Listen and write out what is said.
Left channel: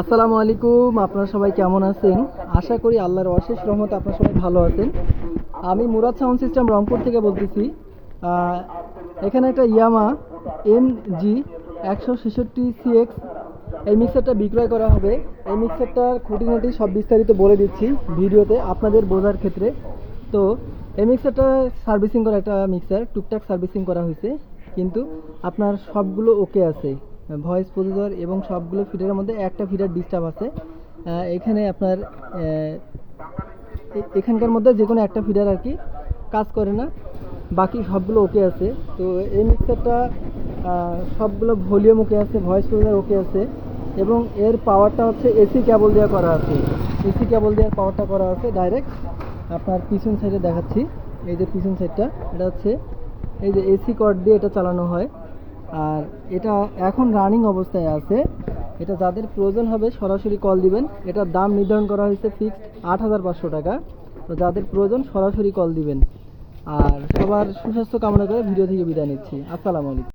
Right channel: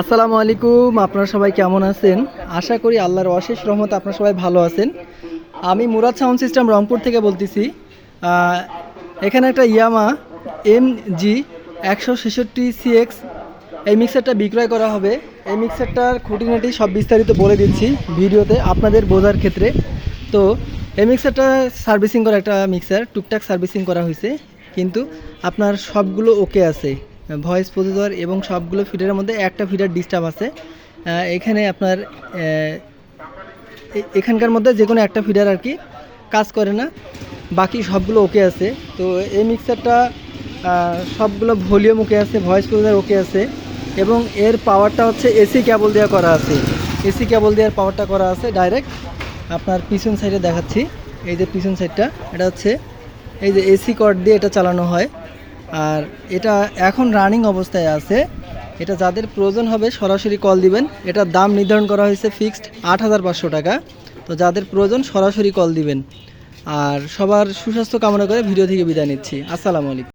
আসসালামু আলাইকুম, আপনারা সবাই কেমন আছেন? আশা করি আল্লাহর অশেষ রহমত আপনারা সবাই ভালো আছেন। আমি মুরাদ সাউন্ড সিস্টেম রংপুর থেকে বলতেছি এখানে একটা ইয়ামা এম জি একশো ছেষট্টি সিএক্স এই মিক্সারটা বিক্রয় করা হবে। এই মিক্সারটার খুঁটিনাটি সব বিস্তারিত বলে দিচ্ছি ভিডিওতে আপনাদের বোঝার ক্ষেত্রে। তো, এই মিক্সারটা সার্ভিসিং করা একটা মিক্সার, টুকটাক সার্ভিসিং করা হয়েছে, কিন্তু আপনার সবগুলো ওকে আছে। ভয়েস প্রসেসর এবং সবগুলো ফিডারের মধ্যে একটা ফিডার ডিস্টার্ব আছে। এখানে আপনার এখানকার মধ্যে যে কোনো একটা ফিডার আর কি কাজ করে না। বাকি সবগুলো ওকে আছে। তো এই মিক্সারটা সবগুলো ভলিউম ওকে আছে, ভয়েস প্রসেসর ওকে আছে। এবং এর পাওয়ারটা হচ্ছে এসি কেবল দেওয়া করা আছে। এসি কেবল দেওয়ার পাওয়ারটা করা আছে ডাইরেক্ট। আপনার পিছন সাইডে দেখাচ্ছি। এই যে পিছন সাইডটা, এটা হচ্ছে, এই যে এসি কর্ড দিয়ে এটা চালানো হয়। আর এটা এখন রানিং অবস্থায় আছে। এটা যাদের প্রয়োজন হবে, সরাসরি কল দিবেন। এটার দাম নির্ধারণ করা হয়েছে ফিক্সড আট হাজার পাঁচশো টাকা। তো যাদের প্রয়োজন, সরাসরি কল দিবেন। আর সবার সুস্বাস্থ্য কামনা করে ভিডিও থেকে বিদায় নিচ্ছি। আসসালামু আলাইকুম।